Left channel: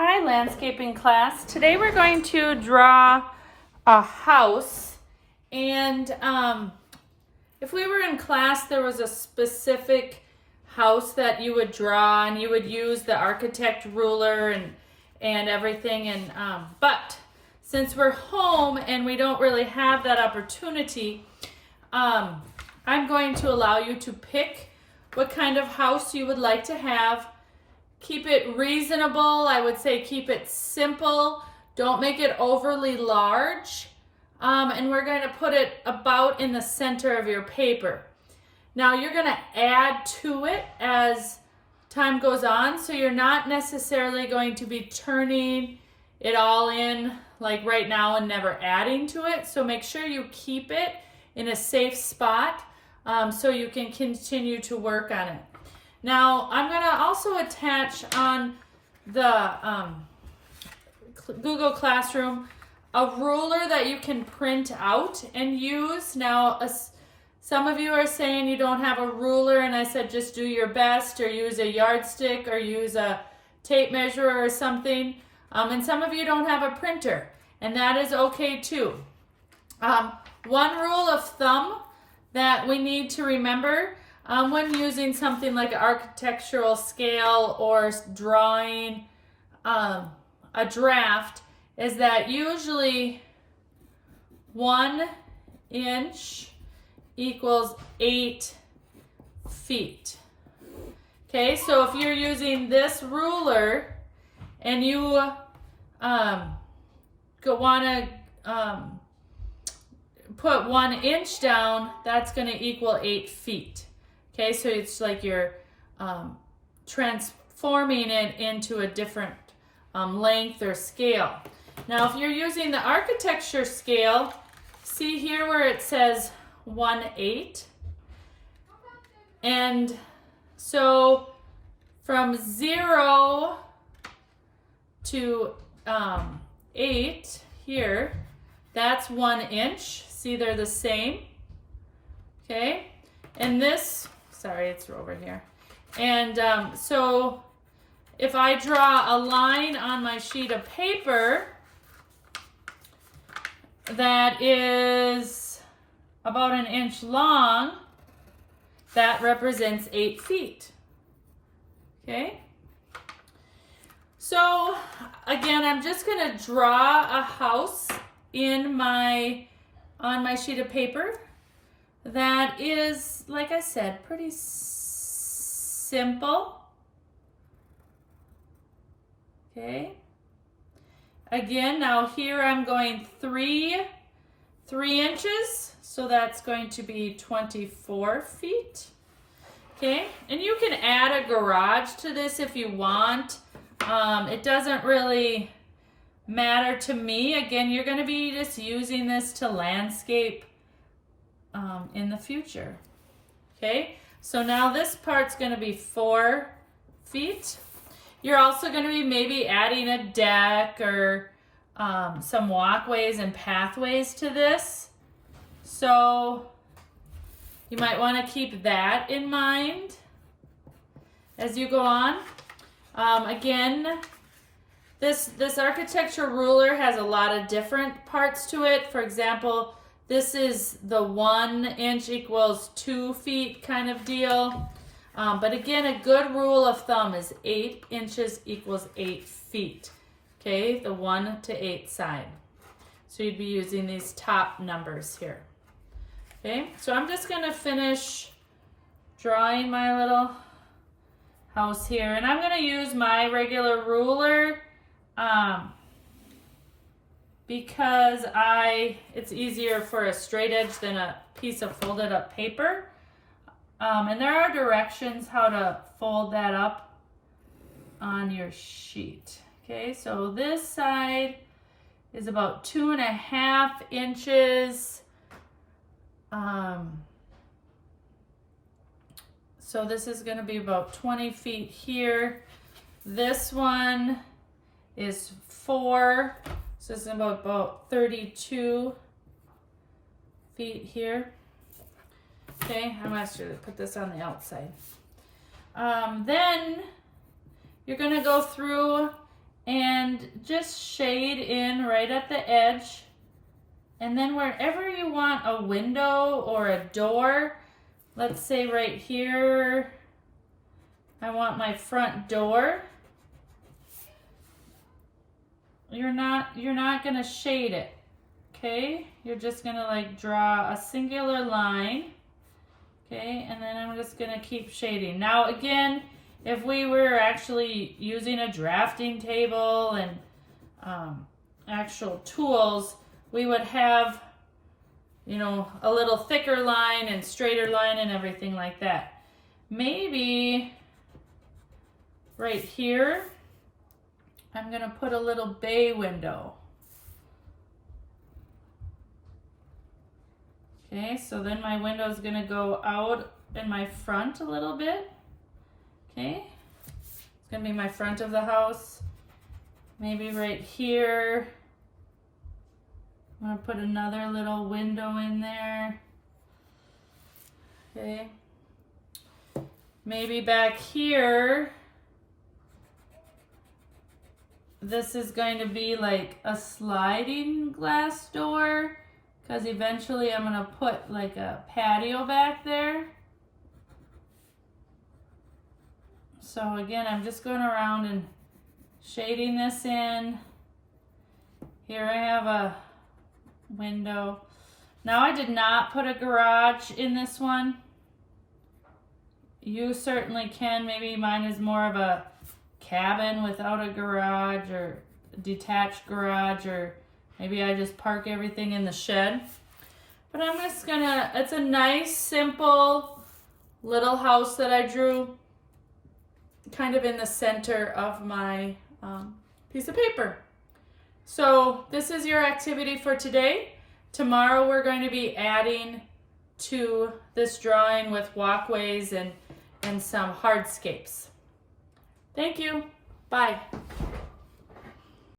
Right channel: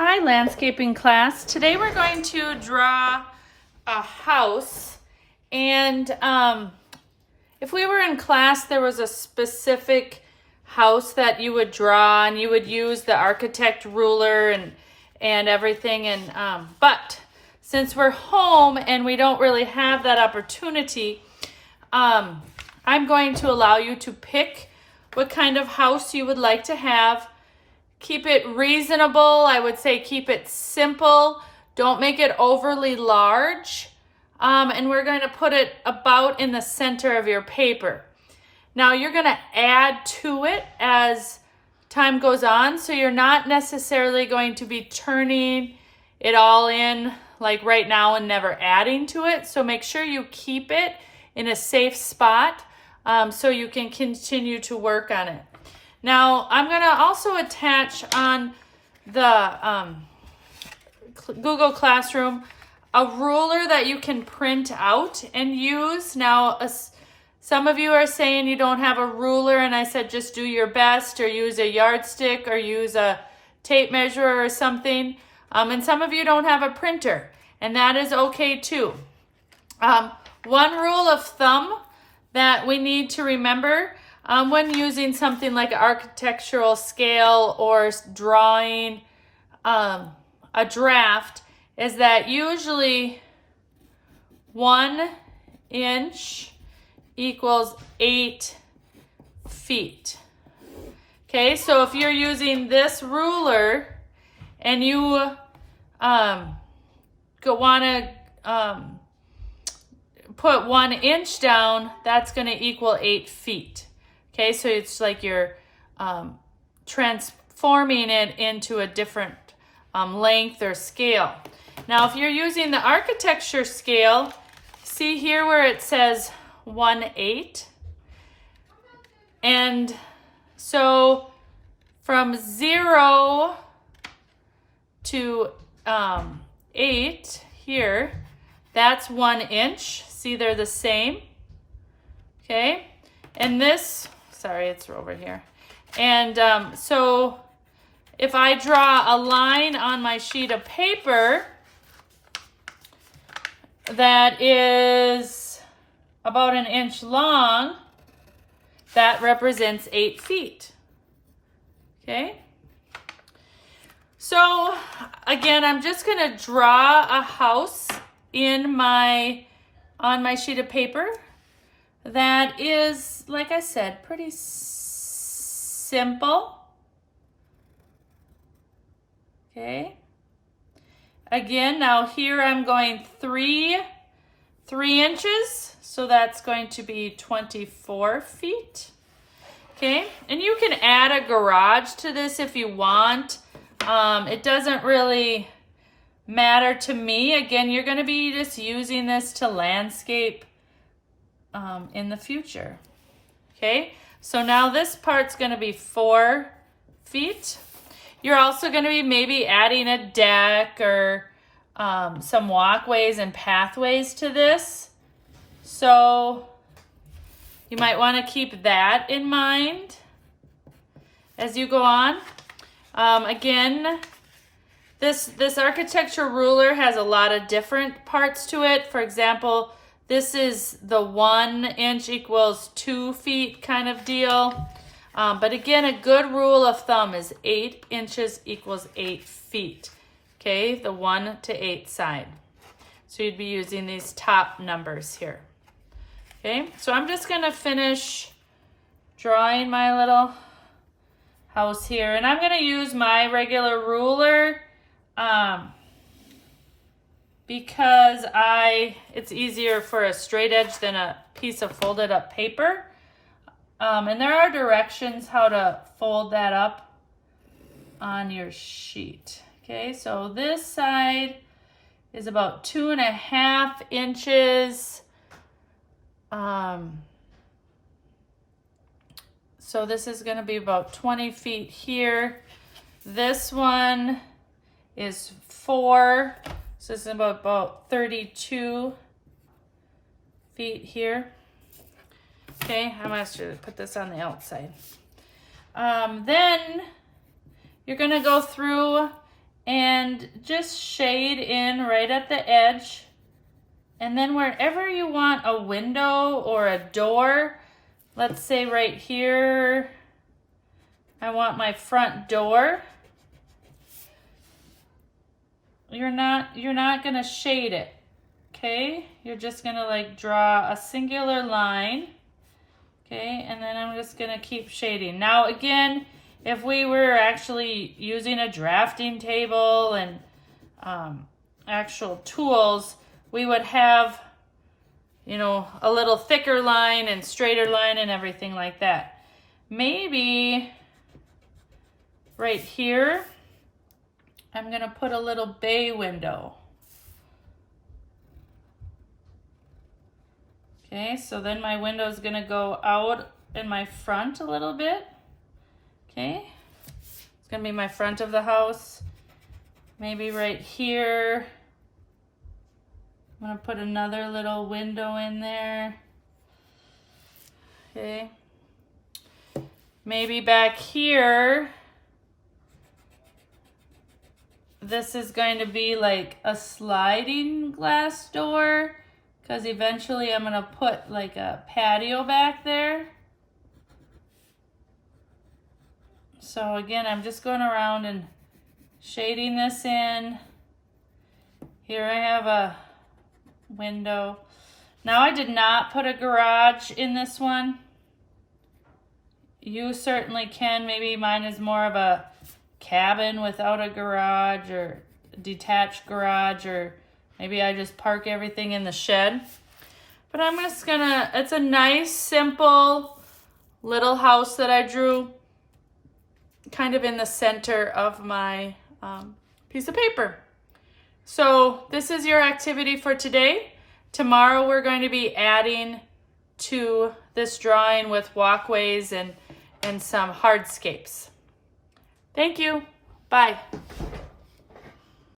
Hi, landscaping class. Today we're going to draw a house, and if we were in class, there was a specific house that you would draw, and you would use the architect ruler and everything. But since we're home and we don't really have that opportunity, I'm going to allow you to pick what kind of house you would like to have. Keep it reasonable. I would say keep it simple. Don't make it overly large. And we're going to put it about in the center of your paper. Now you're going to add to it as time goes on. So you're not necessarily going to be turning it all in like right now and never adding to it. So make sure you keep it in a safe spot so you can continue to work on it. Now, I'm going to also attach on the Google Classroom a ruler that you can print out and use. Now, some of you are saying you don't have a ruler, and I said just do your best, or use a yardstick, or use a tape measure or something. And some of you don't have a printer, and that is okay too. One rule of thumb that we need to remember when using something like an architectural scale or drawing a draft is that usually 1 inch equals 8 feet. Okay, so if you're using this ruler and you want to put 1 inch down, that's going to equal 8 feet. Okay, so it's like you're transforming it into a different length or scale. Now, if you're using the architecture scale, see here where it says 1/8. And so from 0 to 8 here, that's 1 inch. See, they're the same. Okay, and this, sorry, it's over here. And so if I draw a line on my sheet of paper that is about 1 inch long, that represents 8 feet. Okay. So again, I'm just going to draw a house on my sheet of paper that is, like I said, pretty simple. Okay. Again, now here I'm going 3 inches, so that's going to be 24 feet. Okay, and you can add a garage to this if you want. It doesn't really matter to me. Again, you're going to be just using this to landscape in the future. Okay, so now this part's going to be 4 feet. You're also going to be maybe adding a deck or some walkways and pathways to this. So you might want to keep that in mind as you go on. Again, this architecture ruler has a lot of different parts to it. For example, this is the 1 inch equals 2 feet kind of deal. But again, a good rule of thumb is 8 inches equals 8 feet. Okay, the 1 to 8 side. So you'd be using these top numbers here. Okay, so I'm just going to finish drawing my little house here. And I'm going to use my regular ruler because it's easier for a straight edge than a piece of folded up paper. And there are directions how to fold that up on your sheet. Okay, so this side is about 2.5 inches. So this is going to be about 20 feet here. This one is 4, so this is about 32 feet here. Okay, I'm going to put this on the outside. Then you're going to go through and just shade in right at the edge. And then wherever you want a window or a door, let's say right here, I want my front door. You're not gonna shade it, okay? You're just gonna like draw a singular line, okay? And then I'm just gonna keep shading. Now again, if we were actually using a drafting table and actual tools, we would have, you know, a little thicker line and straighter line and everything like that. Maybe right here, I'm gonna put a little bay window. Okay, so then my window is gonna go out in my front a little bit. Okay, it's gonna be my front of the house. Maybe right here, I'm gonna put another little window in there. Okay, maybe back here, this is going to be like a sliding glass door, because eventually I'm gonna put like a patio back there. So again, I'm just going around and shading this in. Here I have a window. Now I did not put a garage in this one. You certainly can. Maybe mine is more of a cabin without a garage or detached garage, or maybe I just park everything in the shed. But I'm just gonna, it's a nice, simple little house that I drew kind of in the center of my piece of paper. So this is your activity for today. Tomorrow we're going to be adding to this drawing with walkways and some hardscapes. Thank you. Bye.